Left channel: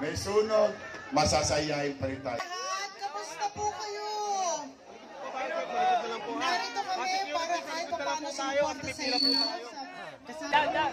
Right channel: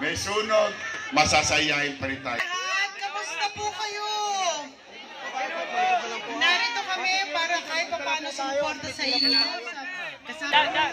may sunog, masasayahin pa rin tayo. Lahat, kamusta po kayo? Narito kami para kahit pa paano sumuporta sa inyo. Kasama.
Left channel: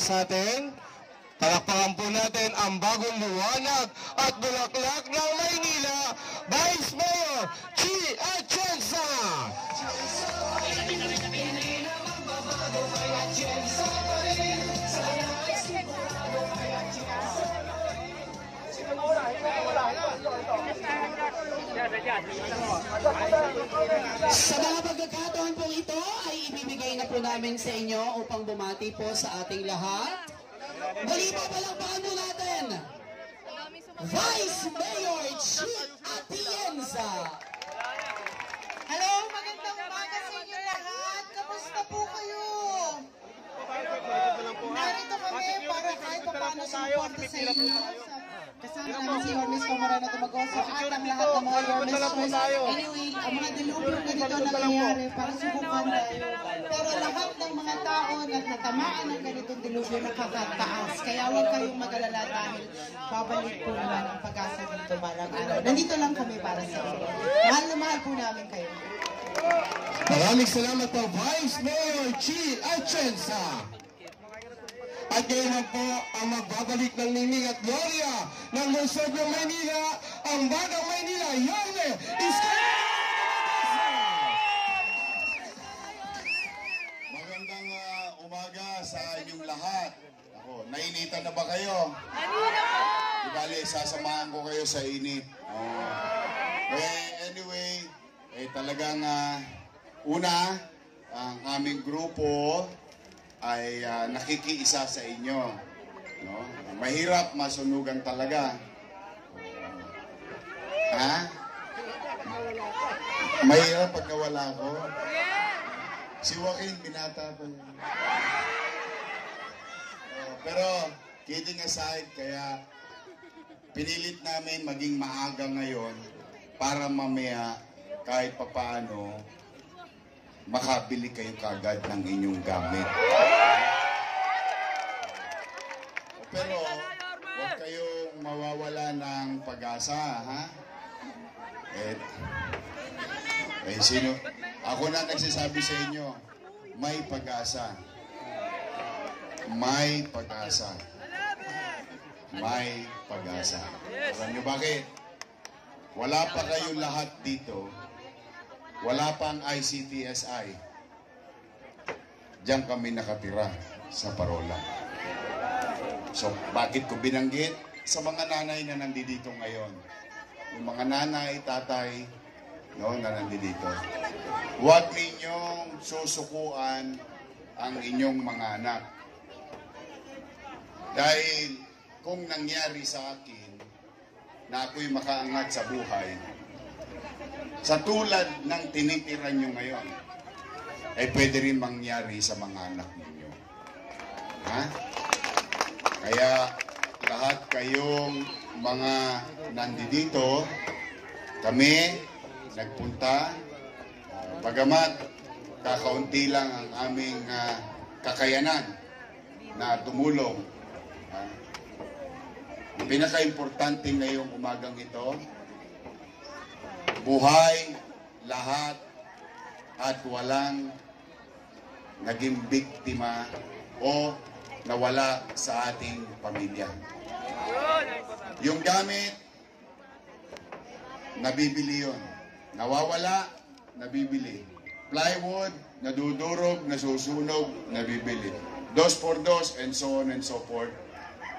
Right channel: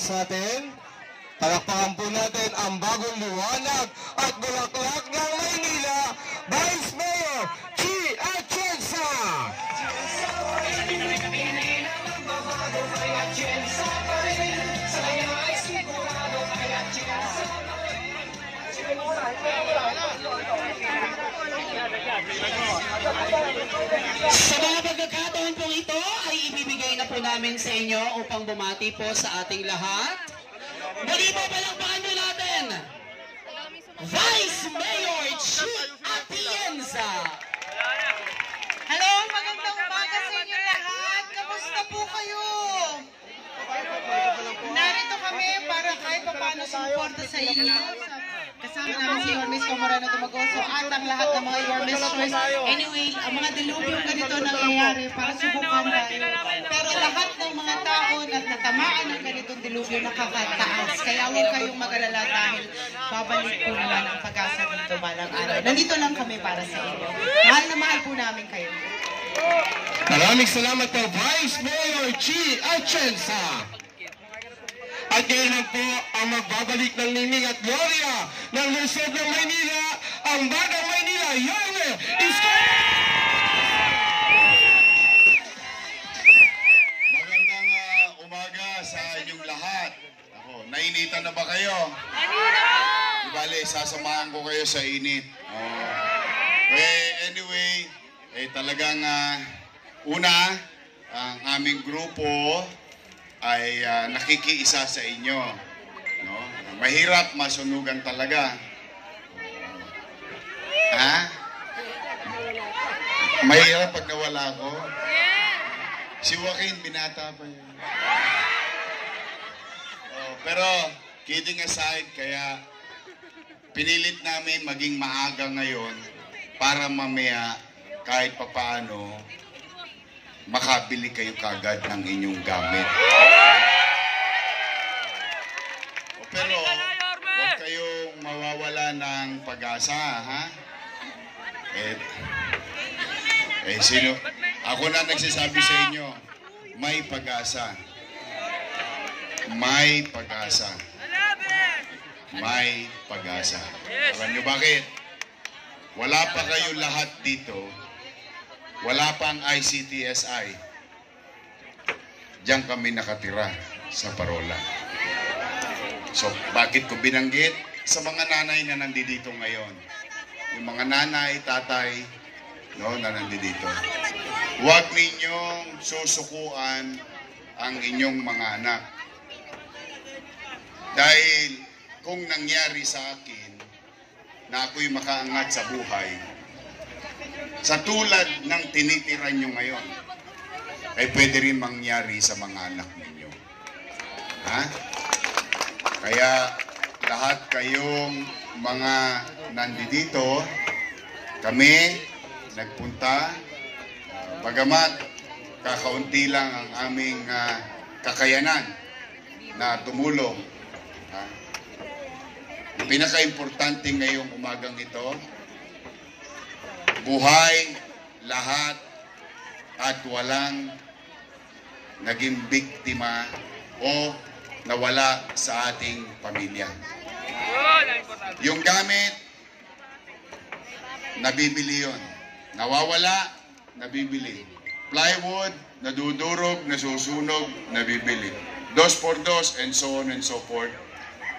Sa atin, palakpakan po natin ang bagong liwanag at bulaklak ng Maynila, Vice Mayor Chi Atienza. Sa mga pagkakataon po ito ay ibibigay na po namin sa inyo upang bumati po sa ating lahat. Muli po palakpakan po natin, Vice Mayor Chi Atienza. Hello, magandang umaga sa kahit pa paano sumuporta sa inyo. Kasama namin si Yormes Comorano Dumagoso at ang lahat ng mga Yormes Choice. Anyway, ang mga dilubyong ganito nangyayari para subukan tayo. Pero lahat ng mga tao na natamaan ng ganitong dilubyo nakakataas. Kaya huwag kayong mag-alala dahil babalik po naman ang pag-asa dito balang araw. Nandito lang kami para sa inyo. Mahal na mahal po namin kayo. Maraming salamat po, Vice Mayor Chi Atienza. At ngayon na po ang magbabalik ng Niming at Gloria ng lungsod ng Maynila, ang Bagang Maynila Young Magandang umaga sa inyong lahat. Ako, nainitan na ba kayo? Di bale, sasamahan ko kayo sa init. Anyway, talagang una, ang aming grupo ay nakikiisa sa inyo. No? Mahirap masunugan talaga. Ha? Mahirap pag nawala ko? Si Joaquin, binata pa yun. Pero, kidding aside, kaya pinilit namin maging maaga ngayon para mamaya kahit papaano makabili kayo kagad ng inyong gamit. Pero huwag kayong mawawala ng pag-asa, ha? Sino? Ako na nagsasabi sa inyo, may pag-asa. May pag-asa. May pag-asa. Alam nyo bakit? Wala pa kayo lahat dito. Wala pang ICTSI. Diyan kami nakatira sa Parola. So, bakit ko binanggit? Sa mga nanay na nandito ngayon. Yung mga nanay, tatay, no, na nandito. Huwag ninyong susukuan ang inyong mga anak. Dahil kung nangyari sa akin na ako'y makaangat sa buhay, sa tulad ng tinitiran nyo ngayon, ay pwede rin mangyari sa mga anak ninyo. Ha? Kaya lahat kayong mga nandito, kami nagpunta, bagamat kakaunti lang ang aming kakayanan na tumulong. Ha? Ang pinaka-importante ngayong umagang ito, buhay, lahat, at walang naging biktima o nawala sa ating pamilya. Yung gamit, nabibili yun. Nawawala, nabibili. Plywood, nadudurog, nasusunog, nabibili. 2x2 and so on and so forth.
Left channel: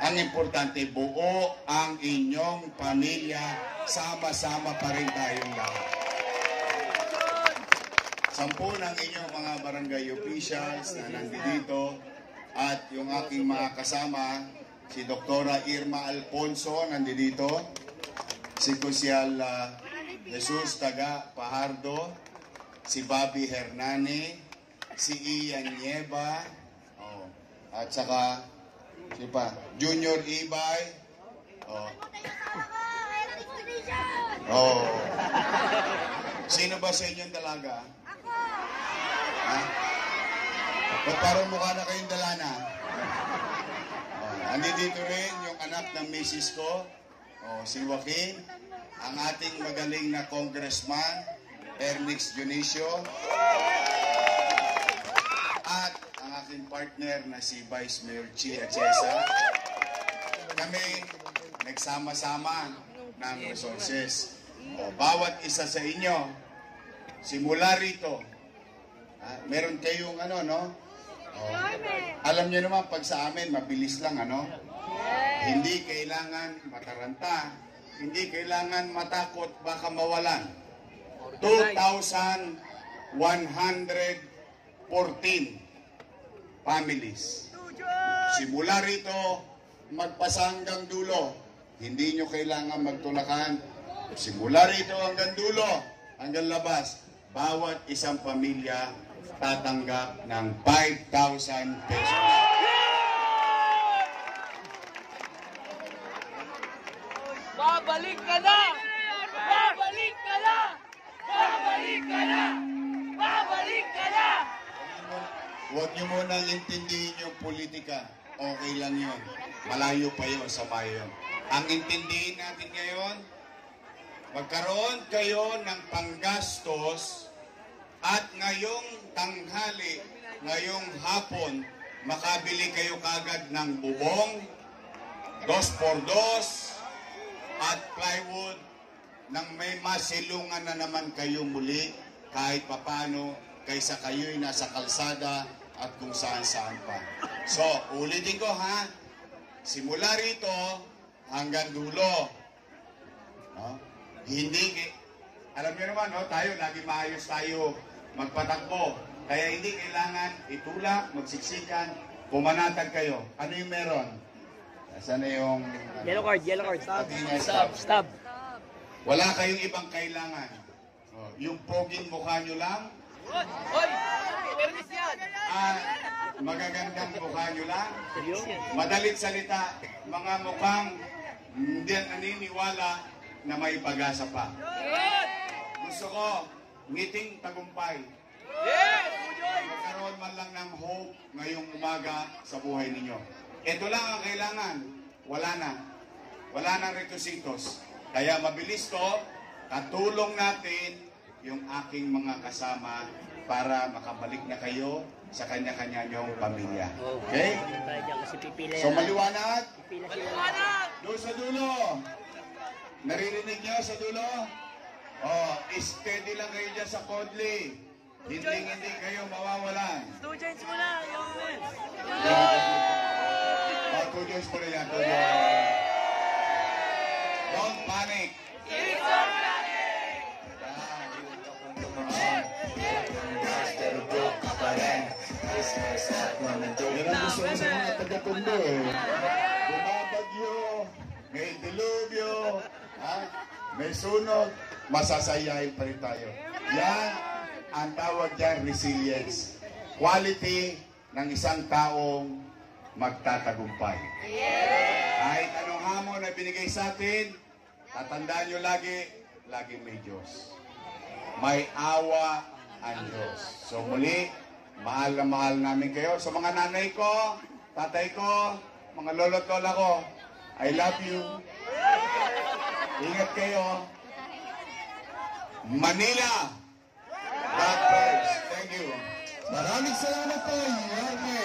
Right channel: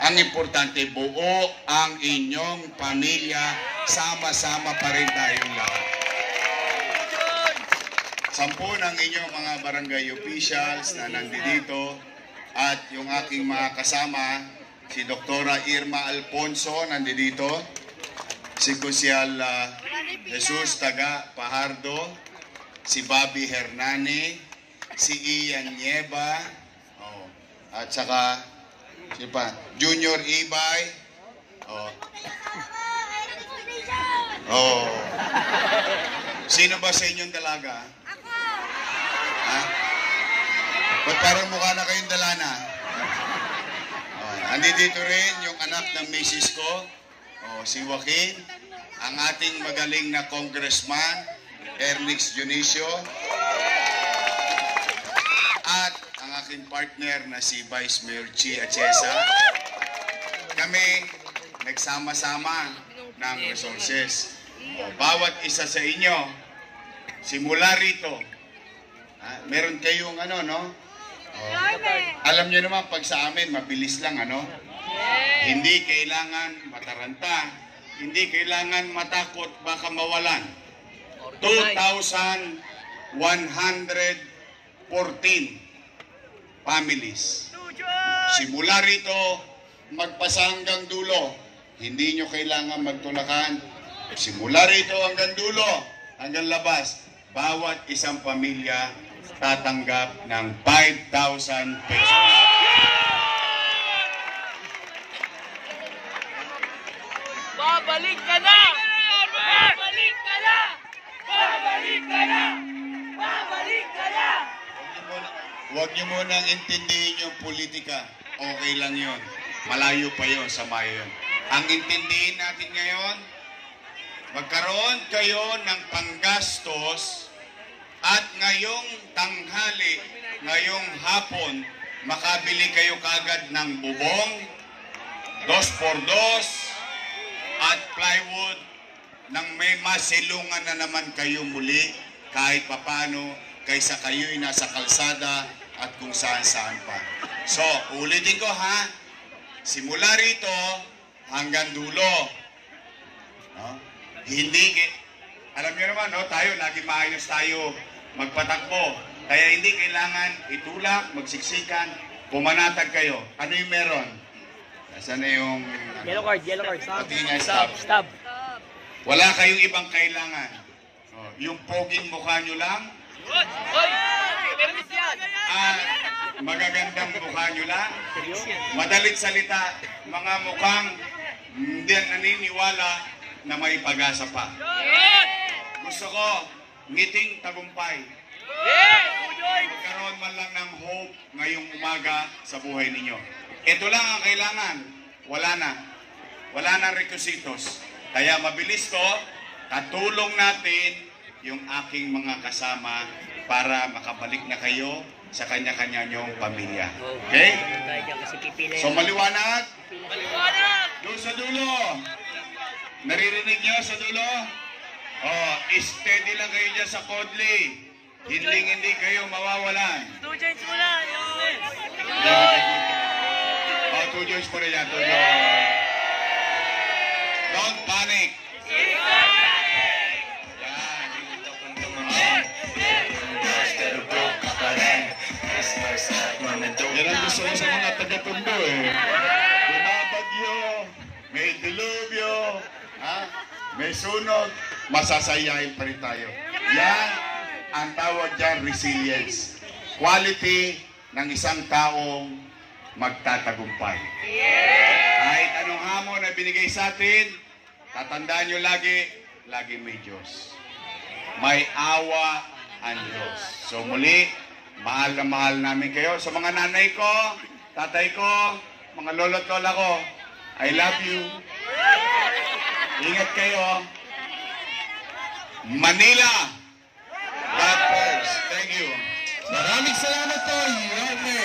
Ang importante, buo ang inyong pamilya, sama-sama pa rin tayong lahat. 10 ng inyong mga barangay officials na nandito at yung aking mga kasama, si Dr. Irma Alfonso nandito, si Kusyal Jesus Taga Pajardo, si Bobby Hernani, si Ian Nieva, at saka si pa, Junior Ibay. Sino ba sa inyong dalaga? Ha? Ba't parang mukha na kayong dalana? Andito rin yung anak ng misis ko, si Joaquin, ang ating magaling na congressman, Ernix Dionisio, at ang aking partner na si Vice Mayor Chi Atienza. Kami nagsama-sama ng resources. Bawat isa sa inyo, simula rito, meron kayong alam nyo naman pag sa amin, mabilis lang, Hindi kailangan mataranta, hindi kailangan matakot, baka mawalan. 2,114 families. Simula rito, magpasa hanggang dulo. Hindi nyo kailangan magtulakan. Simula rito hanggang dulo, hanggang labas, bawat isang pamilya tatanggap ng 5,000 pesos. Babalik ka na! Babalik ka na! Babalik ka na! Babalik ka na! Huwag niyo munang intindihin yung politika. Okay lang yun. Malayo pa yun sa mayon. Ang intindihin natin ngayon, magkaroon kayo ng panggastos at ngayong tanghali, ngayong hapon, makabili kayo kagad ng bubong, 2x2 at plywood nang may masilungan na naman kayo muli kahit papano kaysa kayo'y nasa kalsada at kung saan-saan pa. So, ulitin ko ha, simula rito hanggang dulo. No? Hindi, alam niyo naman, no, tayo, lagi maayos tayo magpatakbo. Kaya hindi kailangan itulak, magsiksikan, pumanatag kayo. Ano yung meron? Nasaan na yung... Yellow card. Patingin nga, stop. Stop. Wala kayong ibang kailangan. Yung poging mukha nyo lang, Hoy! Permis yan! magagandang mukha nyo lang, madalit salita, mga mukhang hindi naniniwala na may pag-asa pa. Gusto ko, ngiting tagumpay. Magkaroon man lang ng hope ngayong umaga sa buhay ninyo. Ito lang ang kailangan. Wala na. Wala na requisitos. Kaya mabilis to, katulong natin yung aking mga kasama para makabalik na kayo sa kanya-kanya nyong pamilya. Okay? So maliwanag? Maliwanag! Doon sa dulo. Naririnig nyo sa dulo? Oh, steady lang kayo dyan sa Kodli. Hindi kayo mawawalan. 2 joints mo na! Oh, 2 joints po na yan. 2 joints. Don't panic. Yan ang gusto ko sa mga taga-Tondo eh. Bumabagyo, may dilubyo, may sunog, masasayahin pa rin tayo. Yan ang tawag dyan, resilience. Quality ng isang taong magtatagumpay. Kahit anong hamon na binigay sa atin, tatandaan nyo lagi may Diyos. May awa ang Diyos. So muli, mahal na mahal namin kayo. Sa mga nanay ko, tatay ko, mga lolo't lola ko, I love you. Ingat kayo. Manila! God first. Thank you. Maraming salamat po, Yorme.